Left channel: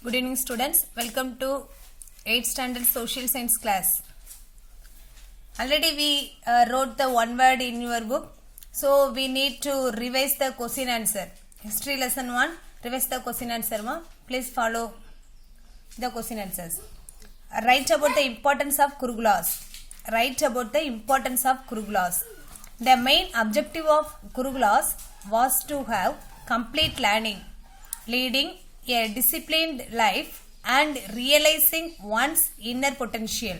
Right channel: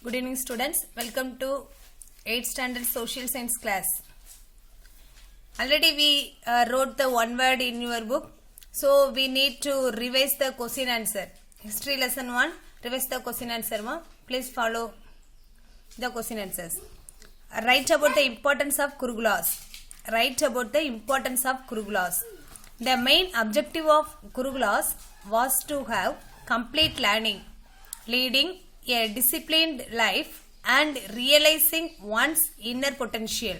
Good evening students, welcome to 8th standard social science class. Already we wrote the one word in your book, so we need to revise the question answer. History lesson 1, revise the question answer. Please follow the question answers. Write about the importance of Kurukulas. Write about the importance of Kurukulas. The main objective of Kurukulas was to have complete learning, leading a disciplined life and realizing one's inner potential.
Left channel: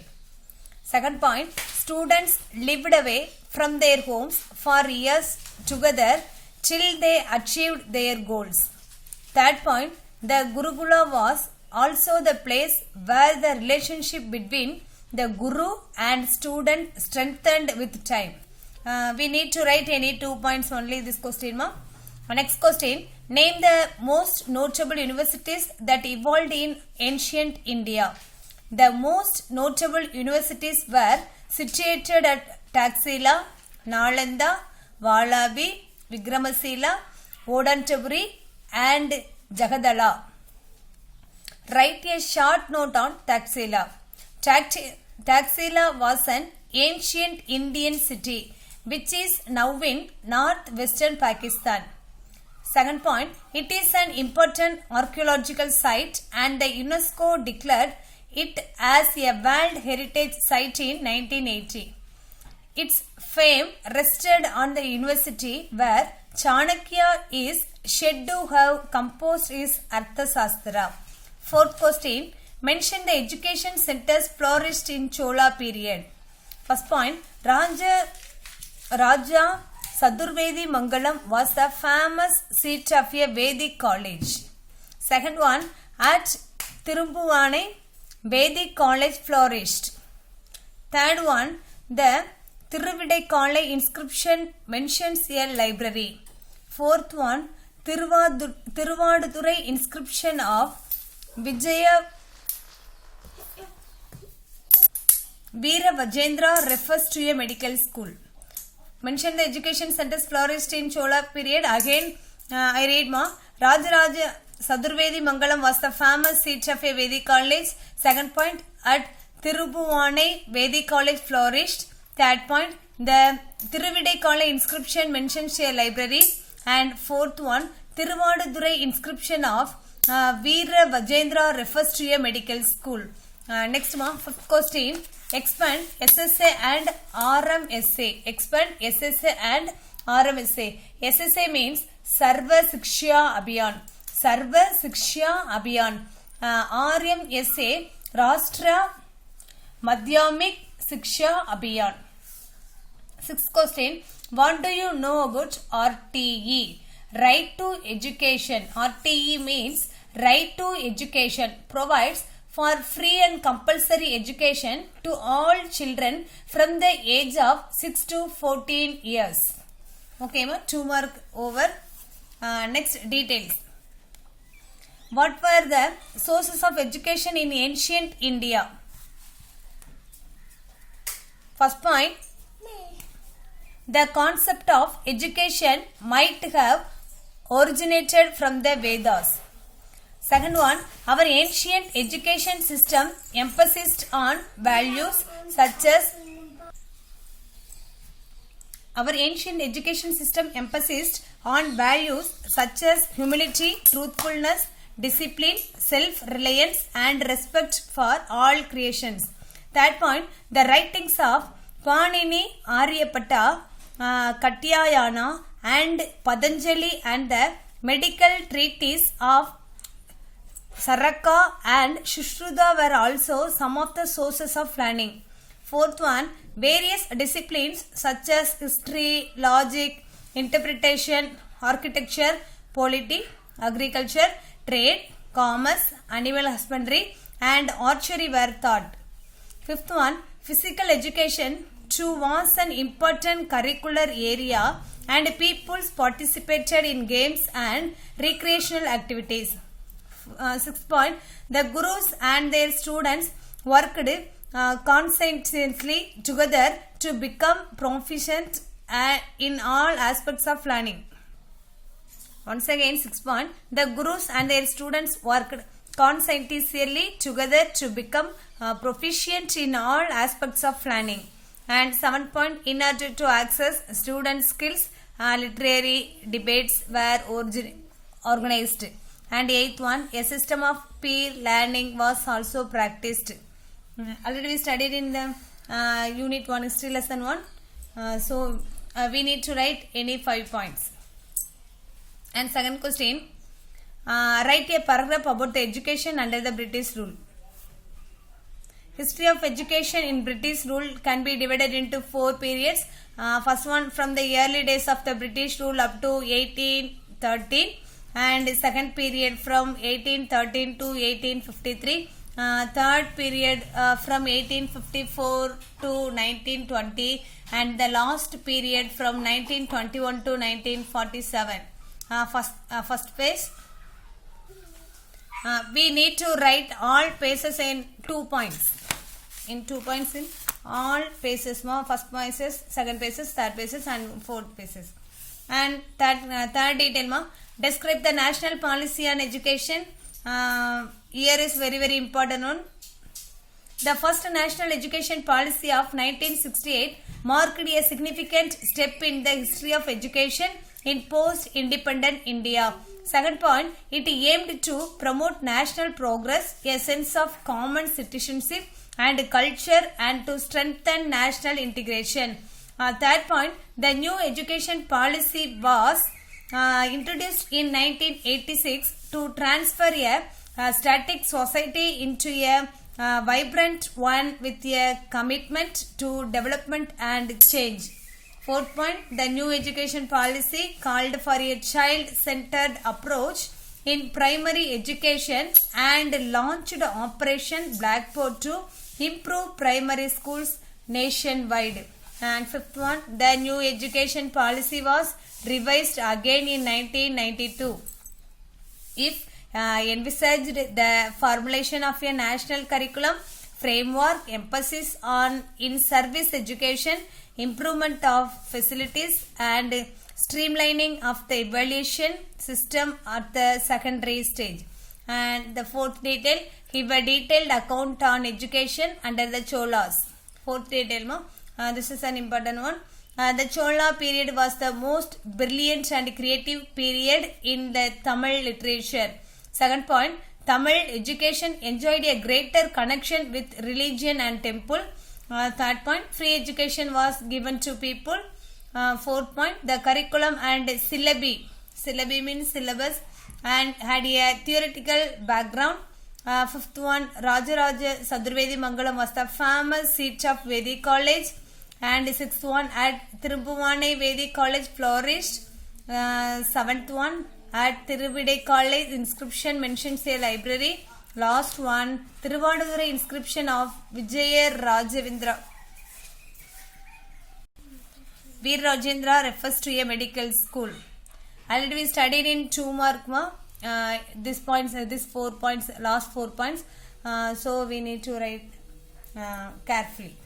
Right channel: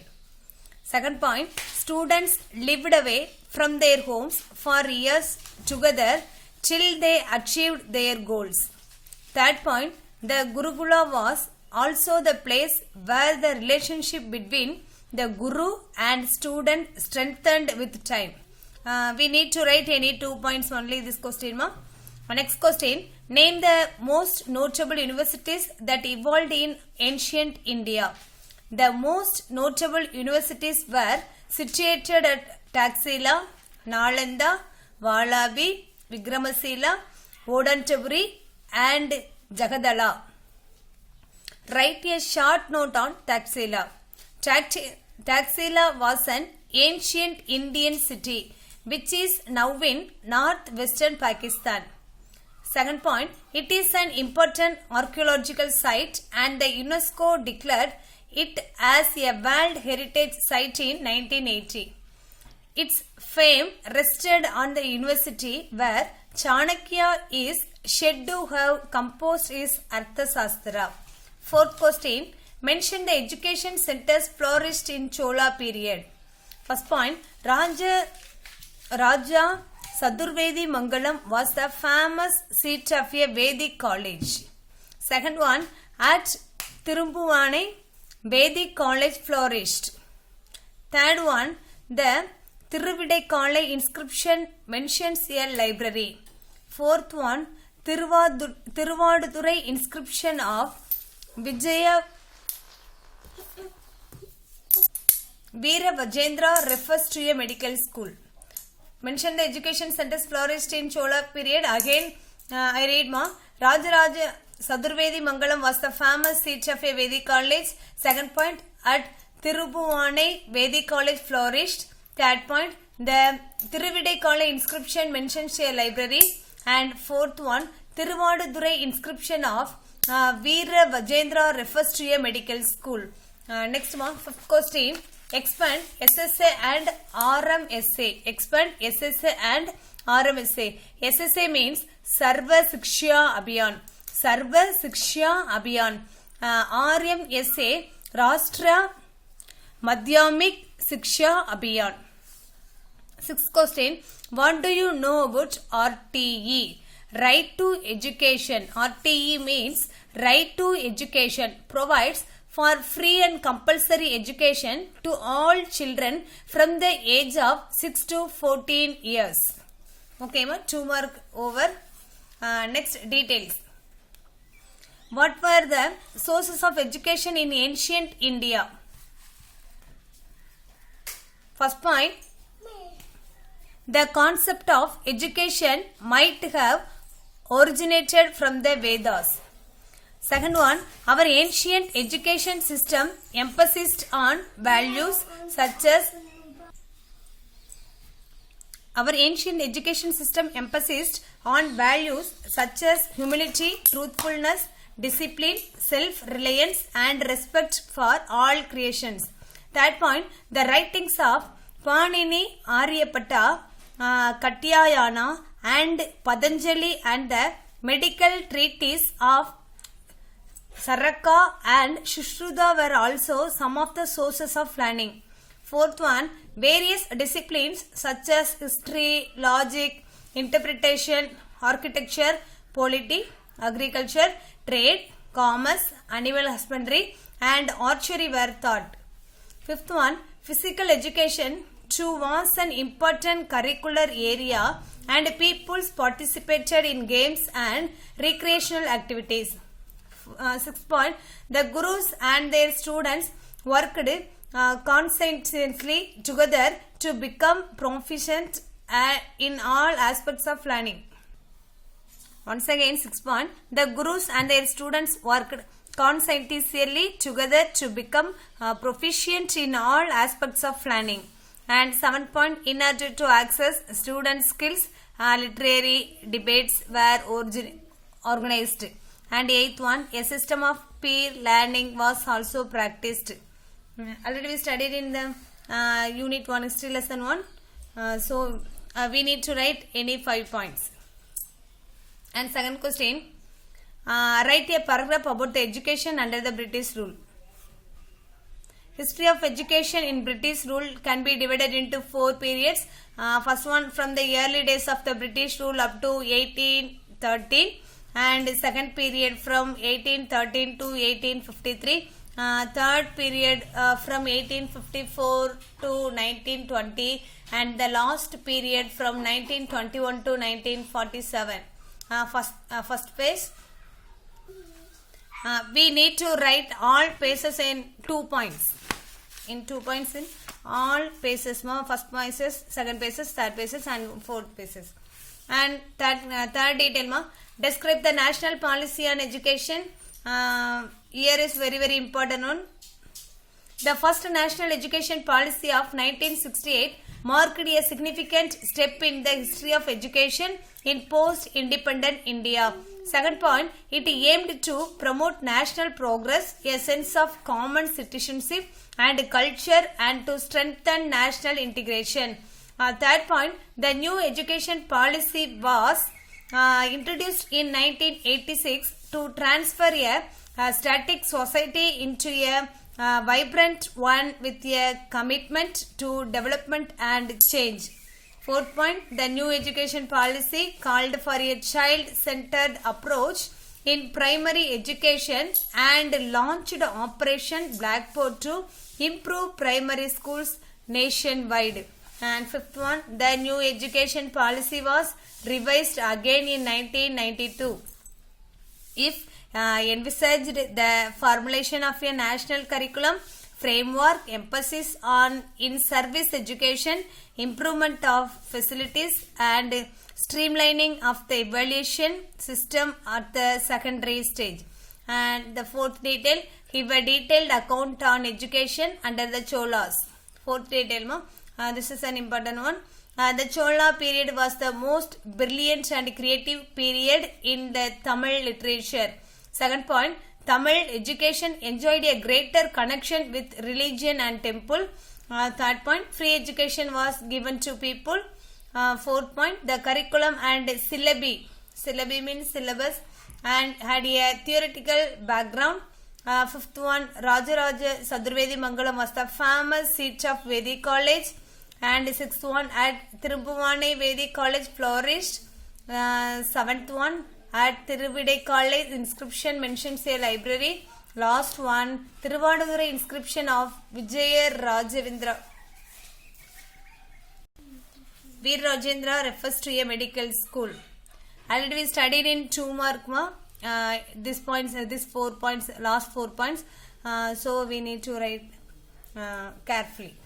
Second point, students lived away from their homes for years together till they achieved their goals. Third point, the Gurukula was also the place where the relationship between the Guru and student strengthened with time. We need to write any 2 points only this question. Next question, name the most notable universities that evolved in ancient India. The most notable universities were situated at Taxila, Nalanda, Vallabhi, Vikramasila, Odantaburi and Jagadala. Write a short note on Taxila. Taxila was an ancient Indian city which is now in northwestern Pakistan. Second point, it is an important archaeological site and the UNESCO declared it as a World Heritage Site in 1980. Its fame rested on the university where Chanakya is said to have composed his Arthasastra. Fourth question, mention the education centers flourished in Chola period. First point, Raja Sadurvedi Mangalam was the famous seat of a Vedic college. Second one, at Tirumbuvanai, Vedic college flourished. Third one, the Thiruvidaikkaalai inscription mentions a library. Fourth one, Thiruvadurai inscription of Vijaya Veera Vajendra refers to a medical school. Mention the education centers flourished in Chola period. Again, I read more. Rajaraja Sadurvedi Mangalam was the famous seat of a Vedic college. Second point, at Tirubhuvanai, Vedic college flourished. Third point, the Thiruvidaikkaalai inscription mentions a library. And fourth one, Thiruvadurai inscription of Veera Vajendra refers to a medical school. Next one, fifth question. Expand SSA and RM essay. Expand SSA and RM essay. SSA means Sarva Siksha Abhiyan. Sarva Siksha Abhiyan. RM essay Rashtra Madhyamik Siksha Abhiyan. Sixth question. What do you know about RTE? Right to Education. RTE means Right to Education. Provides for free and compulsory education to all children from the age of 6 to 14 years. Okay, 2 mark over. Next, details. What were the sources of education in ancient India? First point, the concept of education might have originated from the Vedas. Second one, our ancient education system emphasized on values such as humility, truthfulness, discipline, self-reliance and respect for all creations. Third point, the writings of Panini, Aryabhatta, Katyayana and Patanjali and the medical treatise of Saraka and Shushruta were also some of the sources of learning. Fourth one, various disciplines such as history, logic, interpretation, architecture, polity, agriculture, trade, commerce, animal husbandry and archery were taught. Fifth one, physical education too was an important curricular area and peoples participated in games and recreational activities. Sixth point, the gurus and their students worked conscientiously together to become proficient in all aspects of learning. Once again, 6 point, the gurus and their students worked conscientiously together to become proficient in all aspects of learning. And 7 point, in order to access student skills, literary debates were organized. And 8th one, a system of peer learning was also practiced. Already we studied in the unit 1 history lesson 1. So we need to write any 5 points. And second question, write a paragraph about the education under the British rule. History of education in British rule can be divided into 4 periods. First one, from the early days of the British rule up to 1813, and second period from 1813 to 1853. Third period from 1854 to 1920, and the last period from 1921 to 1947. First phase. We need to write all phases in 2 points. In 2 points in all phases. First phases, second phases, third phases, and fourth phases. And third detail. Describe the national policy on education. Here is very important one. The first national education policy of 1968 marked a significant step in the history of education in post-independent India. Second point, it aimed to promote national progress, a sense of common citizenship and culture, and to strengthen national integration. Third point, the new education policy was introduced in 1986 to transfer a static society into a vibrant one with a commitment to development and change. Fourth point, the new education policy called for a child-centered approach in primary education and launched Operation Blackboard to improve primary schools nationwide. And fifth one, the new education policy was revised again in 1992. If envisaged the formulation of a national curriculum framework, emphasis on in-service education, improvement of facilities, and streamlining of the evaluation system at the secondary stage. And the fourth detail, give a detailed account on education under the Cholas. Fourth detail, this is an important one. The Chola period was the most brilliant and creative period in the Tamil literature. Second point, Tamil education enjoyed a greater connection with religion and temple. Third point, free education was given to people. Fourth point, the curriculum and syllabi means syllabus, and had a theoretical background. Fifth one, Rajaraja Sadurvedi Mangalam was the famous seat of Vedic College. And sixth one, at Tirubhuvane Vedic College flourished. Seventh one, at Tiruvide College inscription mentions a library. Last one, Tiruvadure inscription of Vijaya Rajavindra. Veer Rajendra refers to a medical school. Already we studied in 2 mark these 4 points, last 4 points. So we need to write carefully.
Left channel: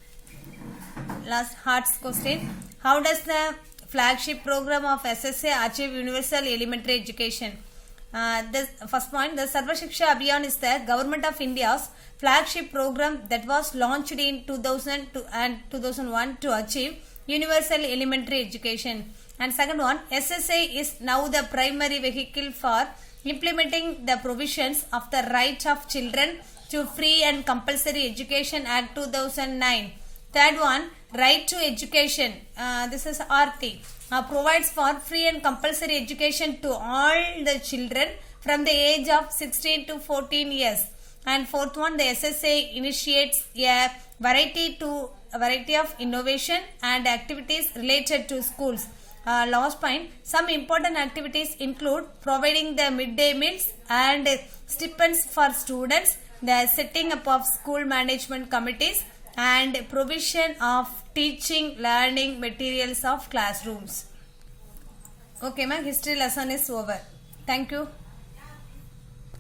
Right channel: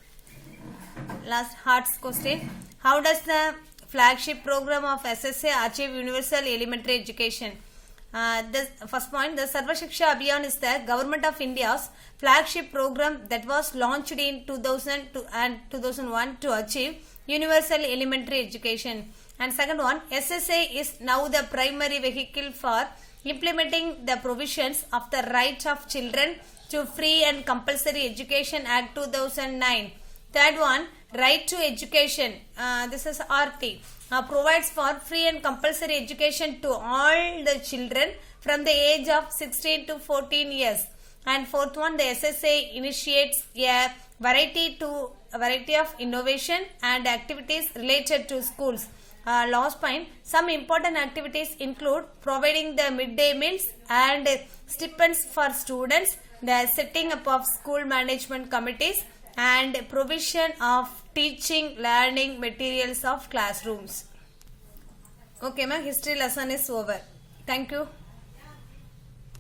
Last Hearts question. How does the flagship program of SSA achieve universal elementary education? The first point, the Sarva Shiksha Abhiyan is the Government of India's flagship program that was launched in 2002 and 2001 to achieve universal elementary education. And second one, SSA is now the primary vehicle for implementing the provisions of the Right of Children to Free and Compulsory Education Act 2009. Third one, Right to Education, this is RT, provides for free and compulsory education to all the children from the age of 16 to 14 years. And fourth one, the SSA initiates a variety of innovation and activities related to schools. Last point, some important activities include providing the midday meals and stipends for students, the setting up of school management committees, and provision of teaching learning materials of classrooms. Okay, ma, history lesson is over. Thank you.